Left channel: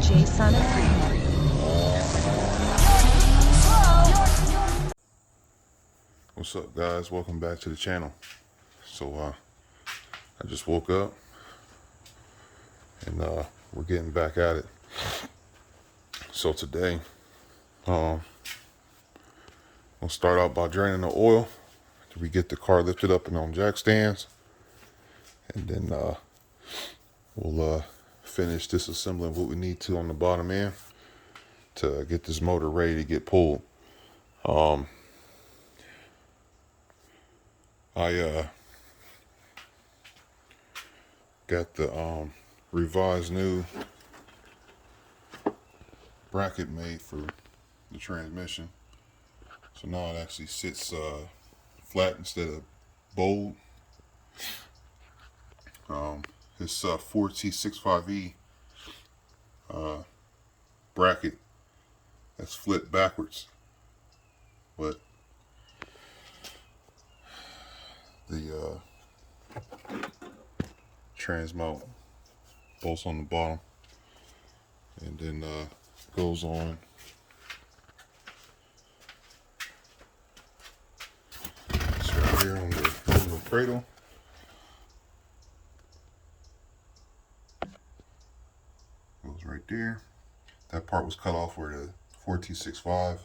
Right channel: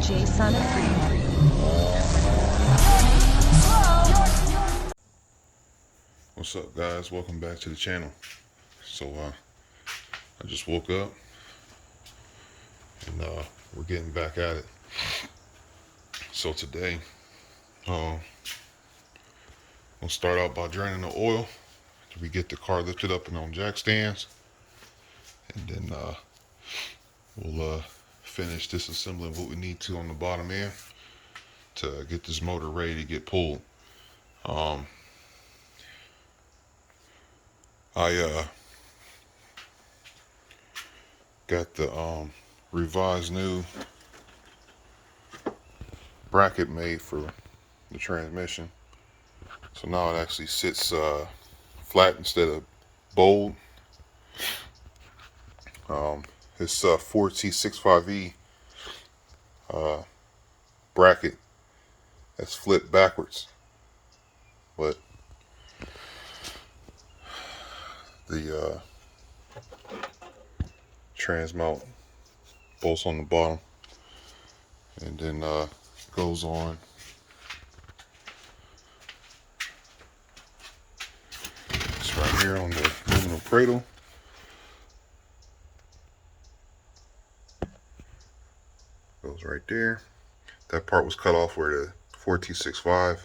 DJ Son of Free. What's up, guys? Welcome back to the channel. So I just woke up and we're getting back at it. So today we'll start out by draining the oil. We get the car lifted up and on jack stands, and then we'll finish disassembling what we need to on the bottom end to get this motor ready to get pulled. I got the revised new bracket made for the transmission, so now it actually sits flat instead of bold. It's 4T65E bracket that's flipped backwards, but the trans mount bolts on the bottom, and then goes on it's right here on the aluminum cradle. Goes right there. That part was cut off where the 4T65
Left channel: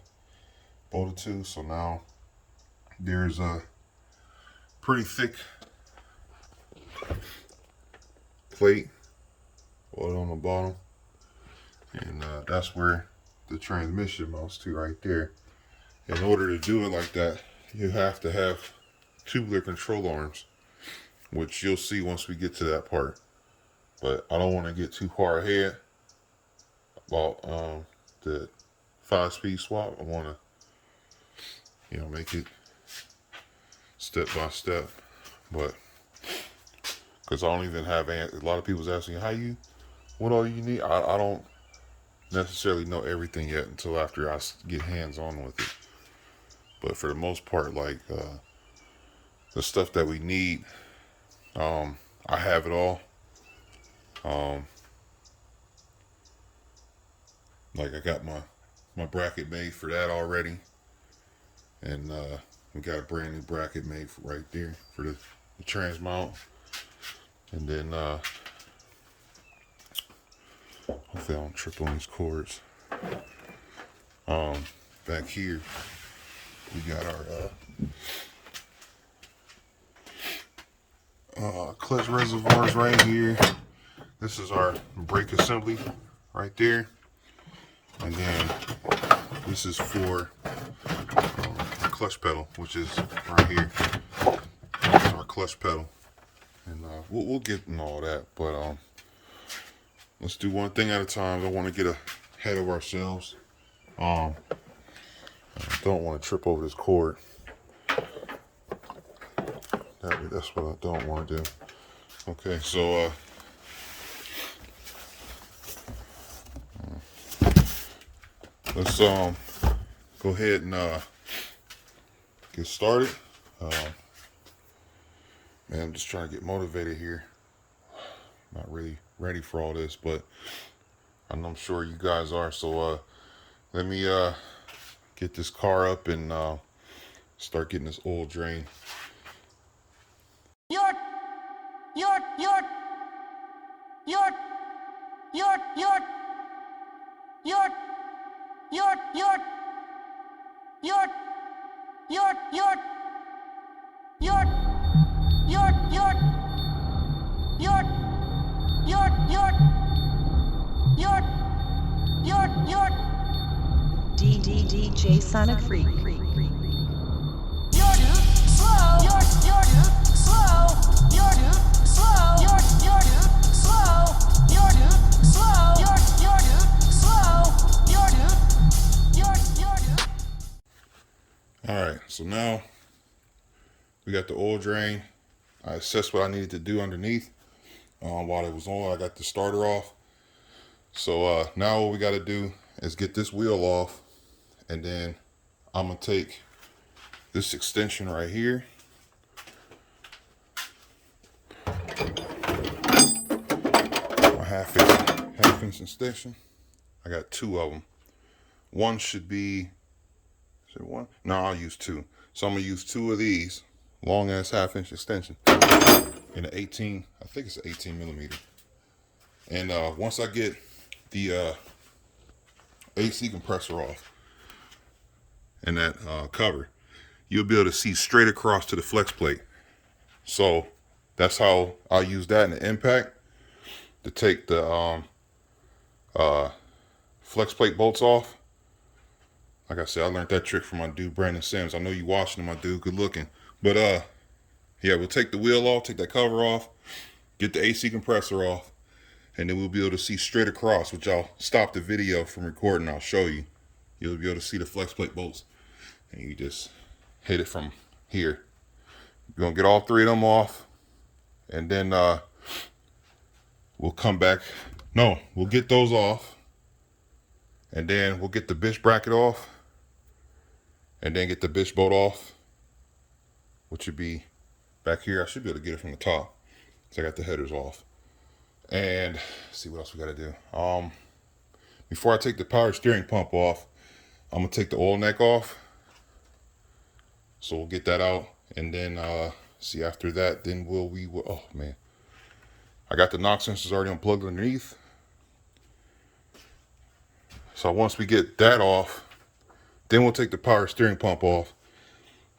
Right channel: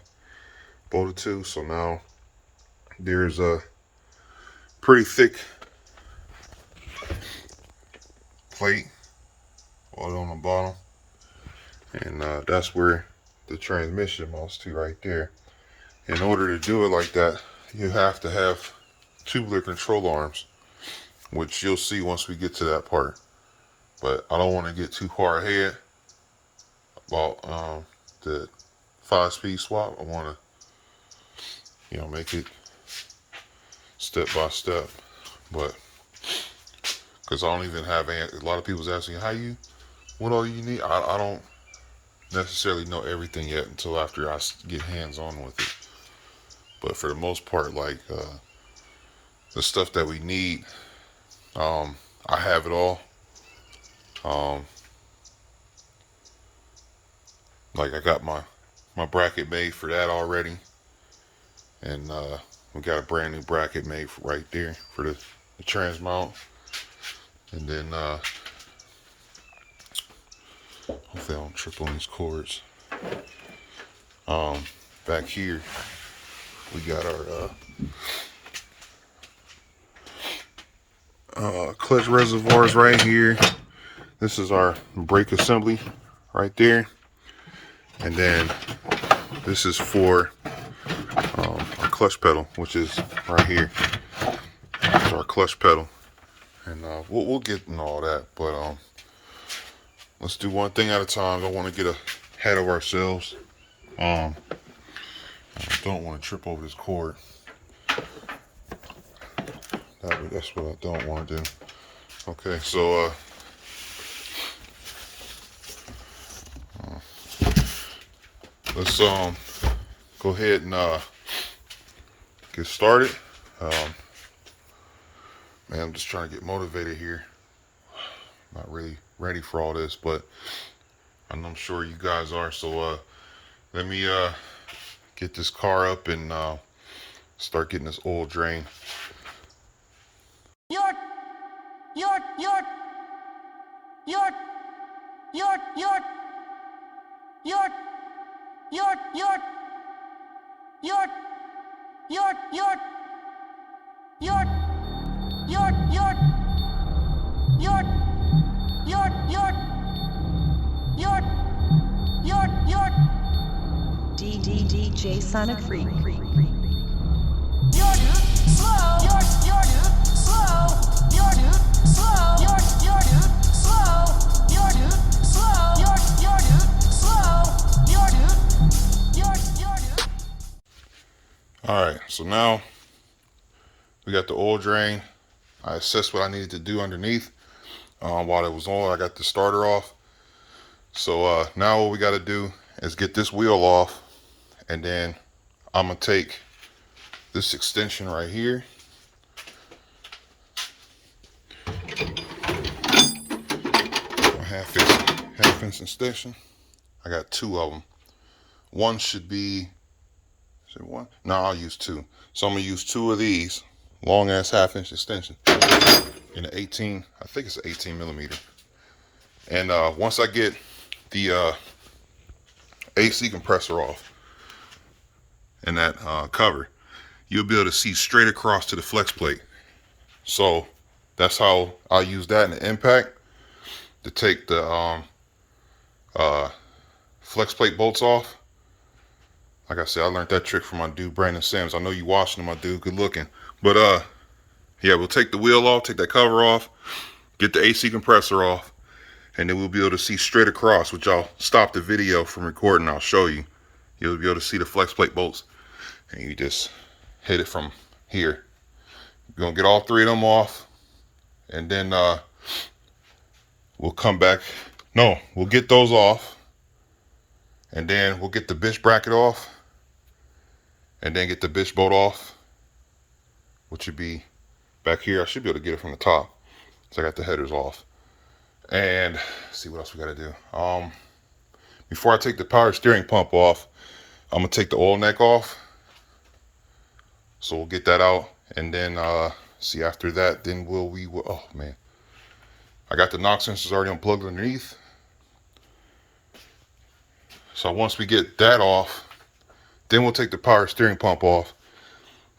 bolted to, so now there's a pretty thick plate bolted on the bottom, and that's where the transmission mounts to right there. In order to do it like that, you have to have tubular control arms, which you'll see once we get to that part. But I don't want to get too far ahead about the 5-speed swap. I want to, make it step by step. But because I don't even have a lot of people's asking what all you need. I don't necessarily know everything yet until after I get hands on with it. But for the most part, like the stuff that we need, I have it all. Like I got my bracket made for that already, and we got a brand new bracket made right there for the trans mount. And then hopefully I don't trip on these cords. Back here we got our clutch reservoirs right here. This is our brake assembly right there, and then this is for our clutch pedal, which is right here. That's our clutch pedal, and we'll get in all that, but let's do one thing at a time. I don't want to get ahead of ourselves. I don't want to trip over this cord. That's what I don't want to do. Okay, so let's go ahead and get started. Man, I'm just trying to get motivated here. Not really ready for all this, but I'm sure you guys are. So let me get this car up and start getting this oil drain. DJ Son of Free. Alright, so now we got the oil drain. I assessed what I needed to do underneath while it was on. I got the starter off. So now what we got to do is get this wheel off And then I'm gonna take this extension right here. My half-inch extension. I got 2 of them. One should be, is it one? No, I'll use 2. So I'm gonna use 2 of these long ass half-inch extension in an 18, I think it's an 18 millimeter. And once I get the AC compressor off and that cover, you'll be able to see straight across to the flex plate. So that's how I'll use that in the impact to take the flex plate bolts off. Like I said, I learned that trick from my dude Brandon Sims. I know you watching him, my dude, good looking. But yeah, we'll take the wheel off, take that cover off, get the AC compressor off, and then we'll be able to see straight across, which I'll stop the video from recording. I'll show you. You'll be able to see the flex plate bolts, and you just hit it from here. You're gonna get all 3 of them off, and then we'll come back. No, we'll get those off, and then we'll get the bitch bracket off, and then get the bitch bolt off, which would be back here. I should be able to get it from the top. So I got the headers off. And see what else we got to do. Before I take the power steering pump off, I'm gonna take the oil neck off. So we'll get that out, and then see after that, then oh man, I got the knock sensors already unplugged underneath. So once we get that off, then we'll take the power steering pump off.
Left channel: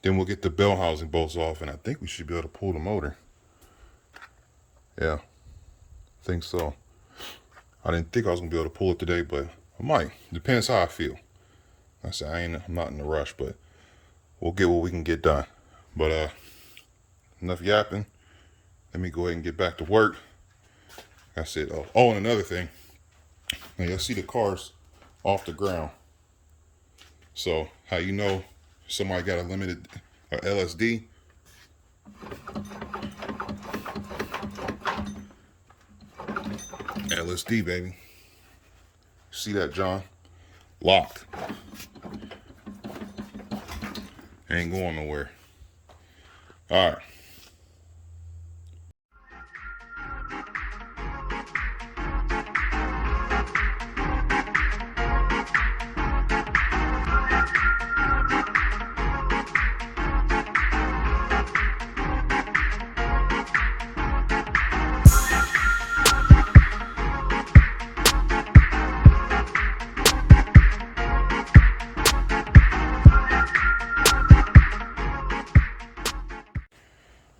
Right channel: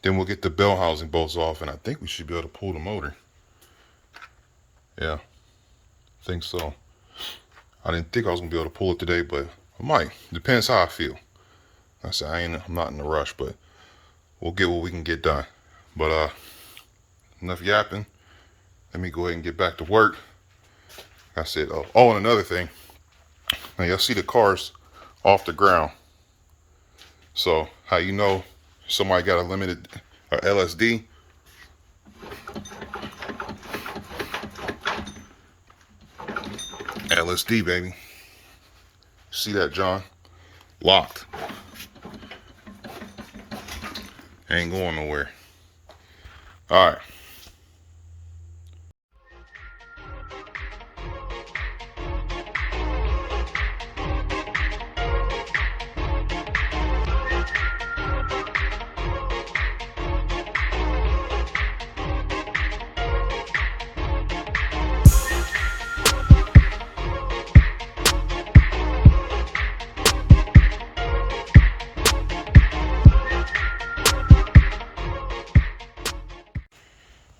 Then we'll get the bell housing bolts off, and I think we should be able to pull the motor. Yeah, I think so. I didn't think I was gonna be able to pull it today, but I might. Depends how I feel. I said I'm not in a rush, but we'll get what we can get done. But enough yapping. Let me go ahead and get back to work. I said, oh, and another thing. Now y'all see the cars off the ground. So how you know somebody got a limited LSD? LSD, baby. See that, John? Locked. Ain't going nowhere. All right.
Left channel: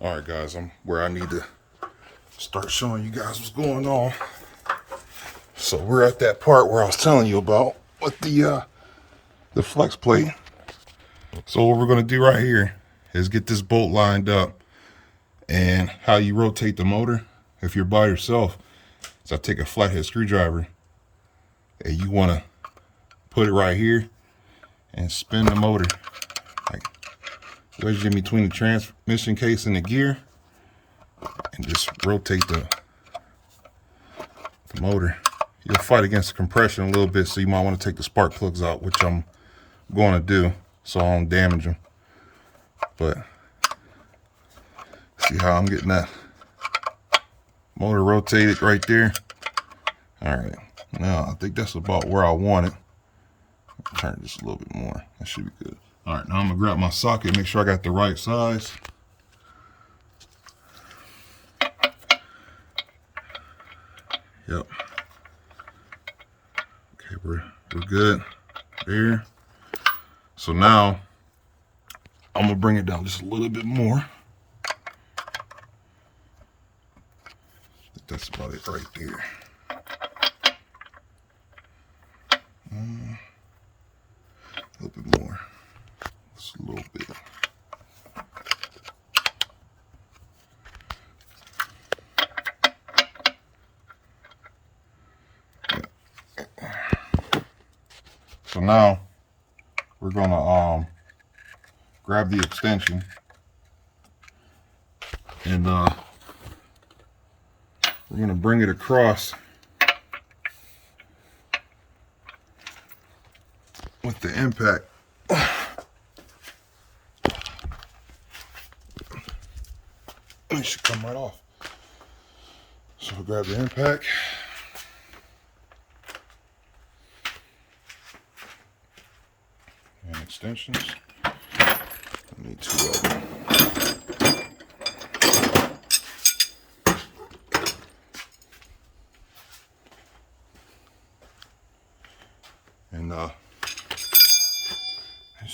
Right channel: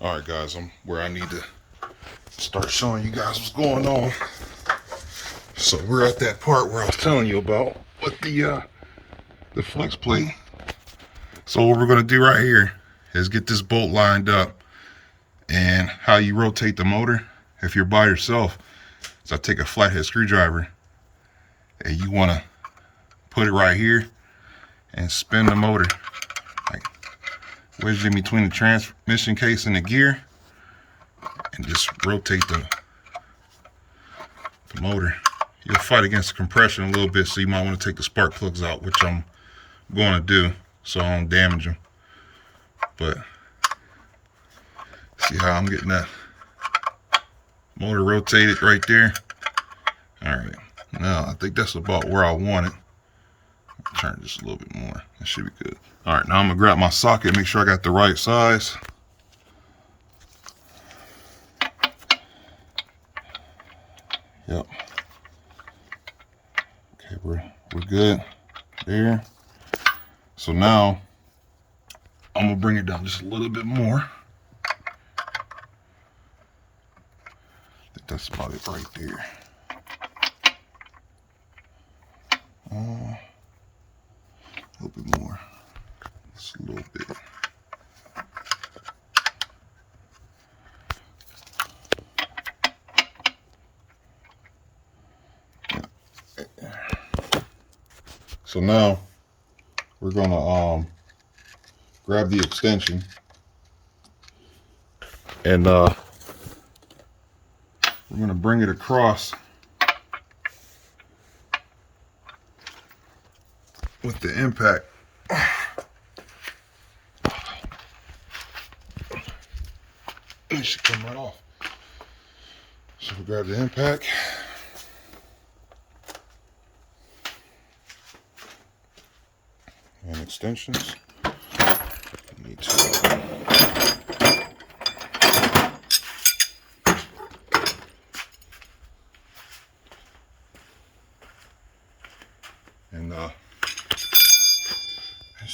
All right, guys, I'm where I need to start showing you guys what's going on. So we're at that part where I was telling you about with the flex plate. So what we're gonna do right here is get this bolt lined up, and how you rotate the motor if you're by yourself is I take a flathead screwdriver, and you wanna put it right here and spin the motor, like wedge it in between the transmission case and the gear, and just rotate the motor. You'll fight against the compression a little bit, so you might want to take the spark plugs out, which I'm going to do so I don't damage them. But see how I'm getting that motor rotated right there? All right, now I think that's about where I want it. Turn it just a little bit more. That should be good. All right, now I'm gonna grab my socket, make sure I got the right size. Yep. Okay, we're good there. So now I'm gonna bring it down just a little bit more. I think that's about it right there. A little bit more. Just a little bit. So now we're gonna grab the extension, and we're gonna bring it across with the impact. It should come right off. So we grab the impact. And extensions. I need two of them. And as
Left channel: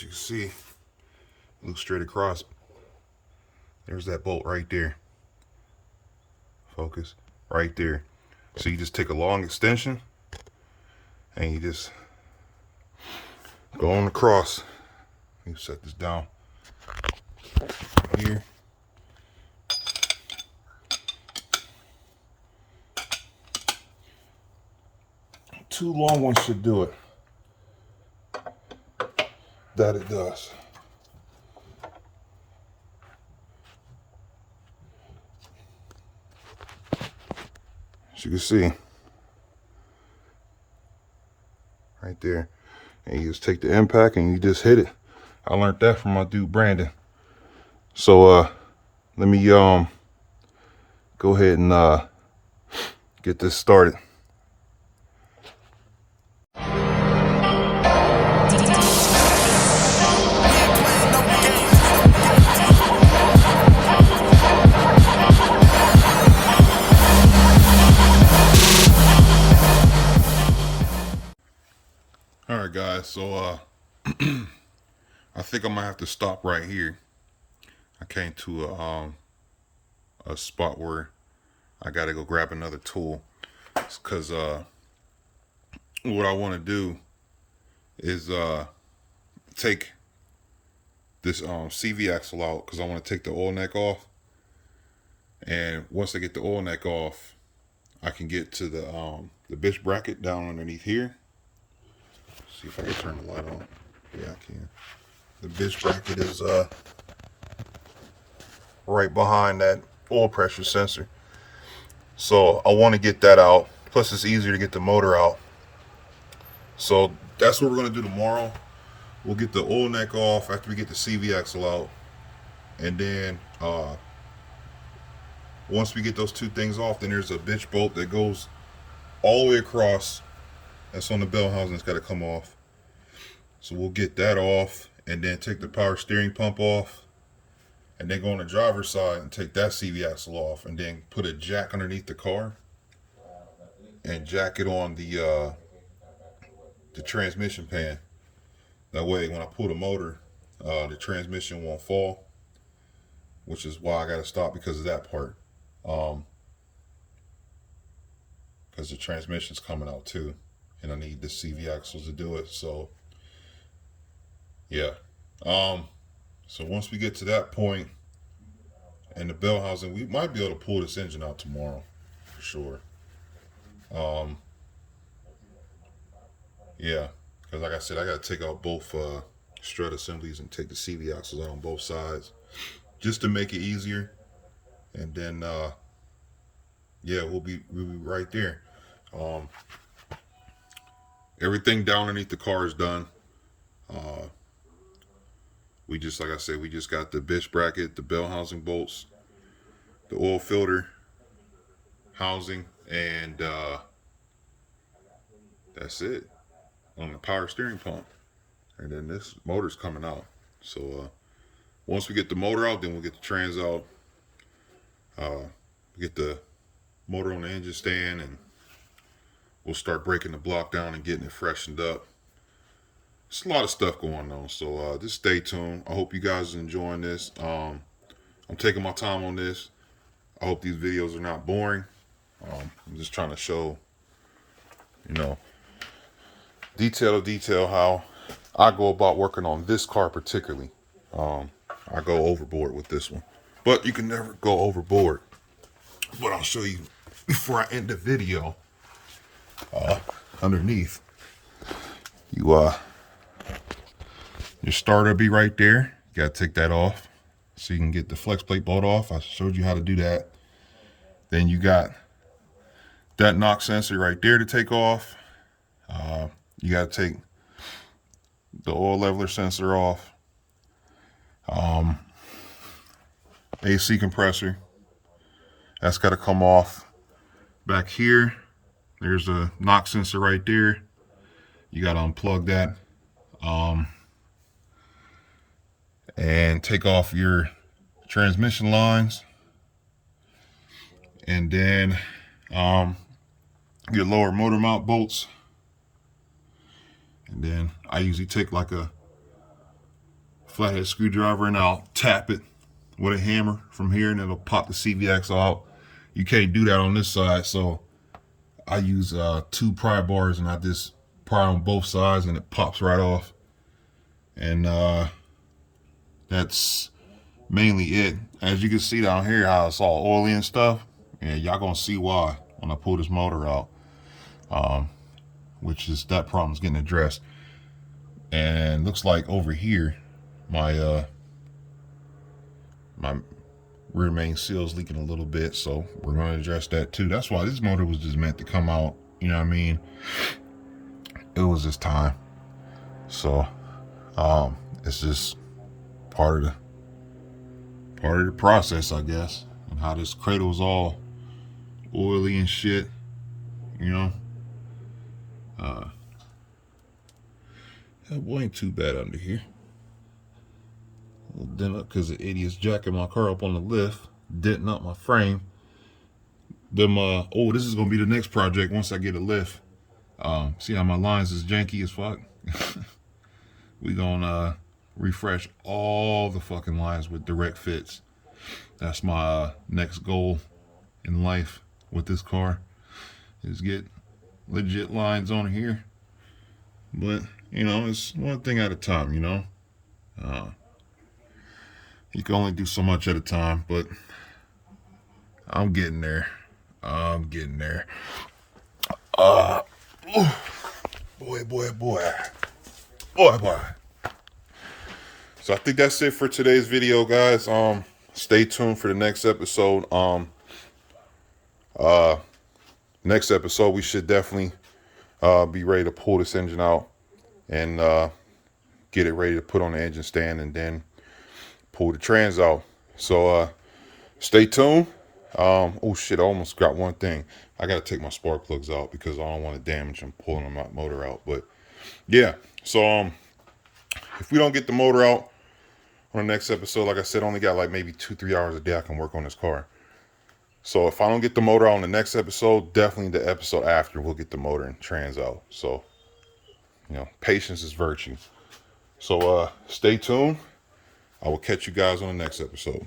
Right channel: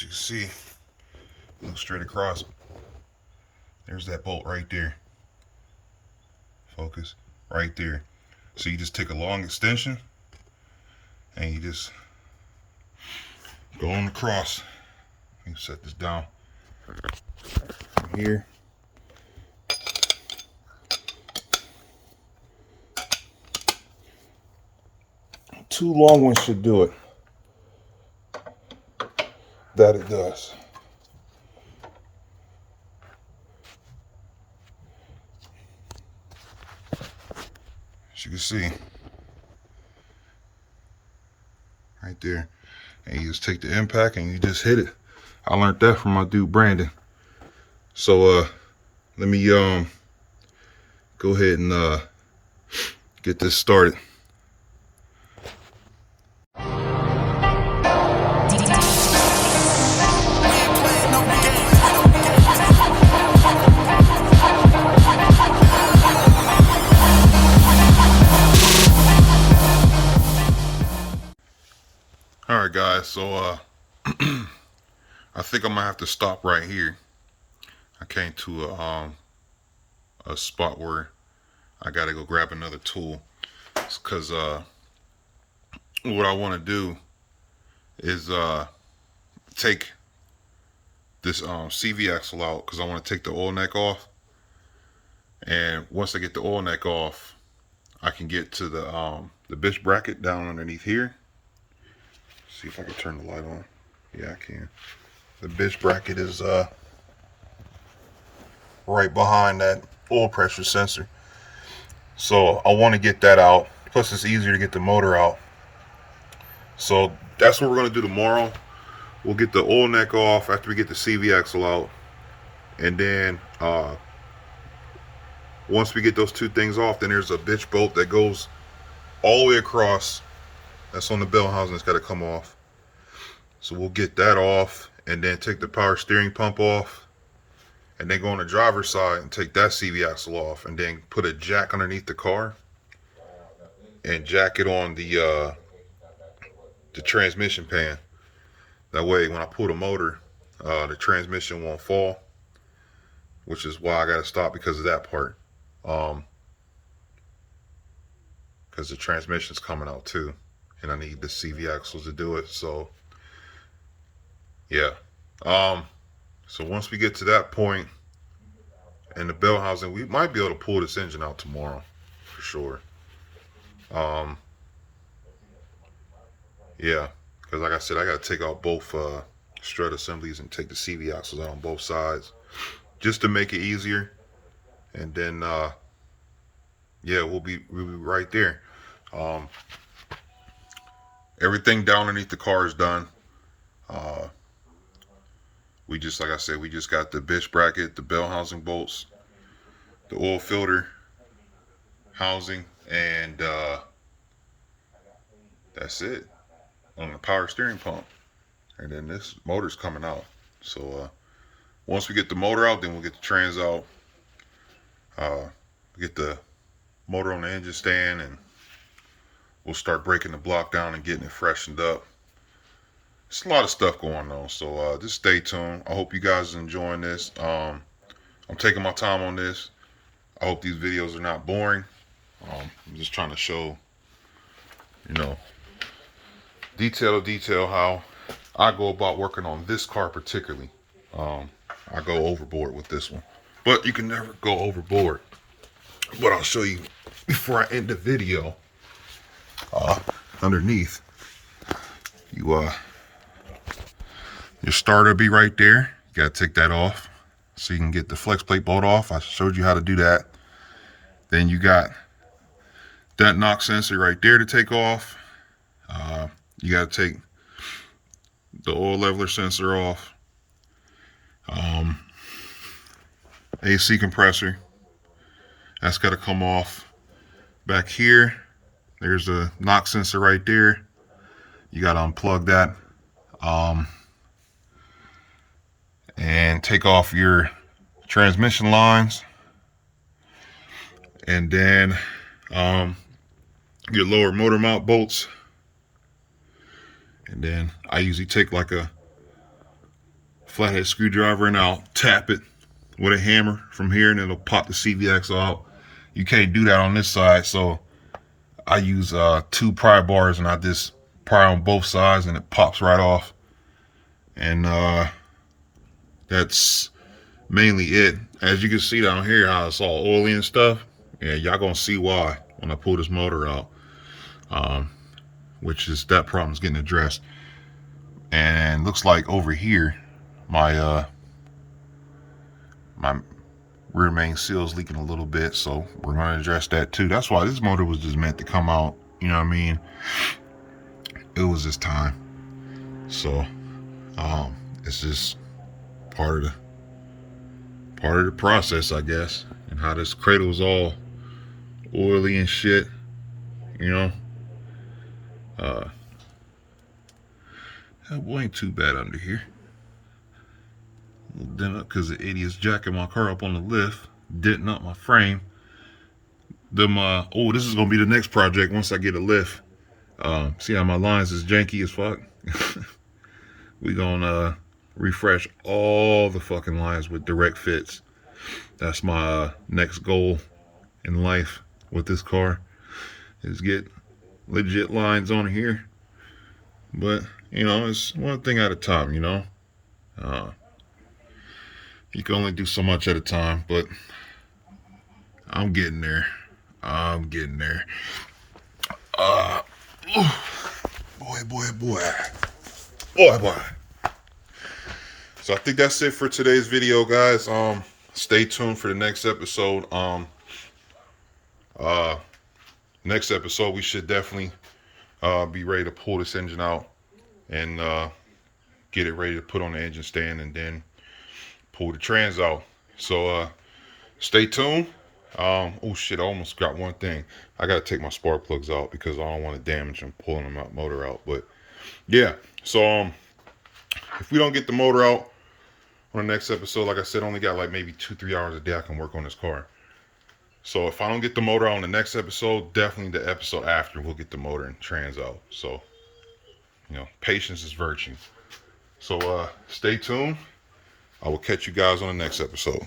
you can see, look straight across. There's that bolt right there. Focus right there. So you just take a long extension and you just go on across. Let me set this down here. Two long ones should do it. That it does. As you can see, right there. And you just take the impact and you just hit it. I learned that from my dude Brandon. So let me go ahead and get this started. All right, guys, so I think I'm gonna have to stop right here. I came to a spot where I gotta go grab another tool. It's because what I want to do is take this CV axle out, because I want to take the oil neck off. And once I get the oil neck off, I can get to the bitch bracket down underneath here. See if I can turn the light on. Yeah, I can. The bitch bracket is right behind that oil pressure sensor. So I want to get that out. Plus it's easier to get the motor out. So that's what we're going to do tomorrow. We'll get the oil neck off after we get the CV axle out. And then once we get those two things off, then there's a bitch bolt that goes all the way across. That's on the bell housing. It's got to come off. So we'll get that off and then take the power steering pump off. And then go on the driver's side and take that CV axle off. And then put a jack underneath the car. And jack it on the transmission pan. That way when I pull the motor, the transmission won't fall. Which is why I got to stop because of that part. Because the transmission's coming out too. And I need the CV axles to do it. So, yeah. So once we get to that point and the bell housing, we might be able to pull this engine out tomorrow. For sure. Yeah. Because like I said, I got to take out both strut assemblies and take the CV axles out on both sides. Just to make it easier. And then, yeah, we'll be right there. Everything down underneath the car is done. We just, like I said, we just got the bitch bracket, the bell housing bolts, the oil filter housing, and that's it on the power steering pump. And then this motor's coming out. So once we get the motor out, then we'll get the trans out. Get the motor on the engine stand, and we'll start breaking the block down and getting it freshened up. It's a lot of stuff going on, so just stay tuned. I hope you guys are enjoying this. I'm taking my time on this. I hope these videos are not boring. I'm just trying to show, you know, detail to detail how I go about working on this car particularly. I go overboard with this one, but you can never go overboard. But I'll show you before I end the video. Underneath, your starter will be right there. You gotta take that off so you can get the flex plate bolt off. I showed you how to do that. Then you got that knock sensor right there to take off. You gotta take the oil leveler sensor off. AC compressor, that's got to come off. Back here, there's a knock sensor right there. You got to unplug that. And take off your transmission lines. And then your lower motor mount bolts. And then I usually take like a flathead screwdriver and I'll tap it with a hammer from here and it'll pop the CV out. You can't do that on this side, so I use 2 pry bars and I just pry on both sides and it pops right off. And that's mainly it. As you can see down here how it's all oily and stuff, yeah, y'all gonna see why when I pull this motor out. Which is, that problem's getting addressed. And looks like over here my my rear main seal is leaking a little bit, so we're going to address that too. That's why this motor was just meant to come out, you know what I mean? It was just time. So it's just part of the process, I guess. And how this cradle's all oily and shit, you know. That boy ain't too bad under here. Dent up because the idiot's jacking my car up on the lift, denting up my frame. Oh, this is gonna be the next project once I get a lift. See how my lines is janky as fuck? We gonna refresh all the fucking lines with direct fits. That's my next goal in life with this car, is get legit lines on here. But you know, it's one thing at a time, you know. You can only do so much at a time, but I'm getting there. I'm getting there. Boy. So I think that's it for today's video, guys. Stay tuned for the next episode. Next episode we should definitely be ready to pull this engine out and get it ready to put on the engine stand and then pull the trans out. So stay tuned. Oh shit, I almost got one thing. I gotta take my spark plugs out because I don't want to damage them pulling them out motor out. But yeah, so if we don't get the motor out on the next episode, like I said, I only got like maybe 2-3 hours a day I can work on this car. So if I don't get the motor out on the next episode, definitely the episode after we'll get the motor and trans out. So, you know, patience is virtue. So stay tuned. I will catch you guys on the next episode.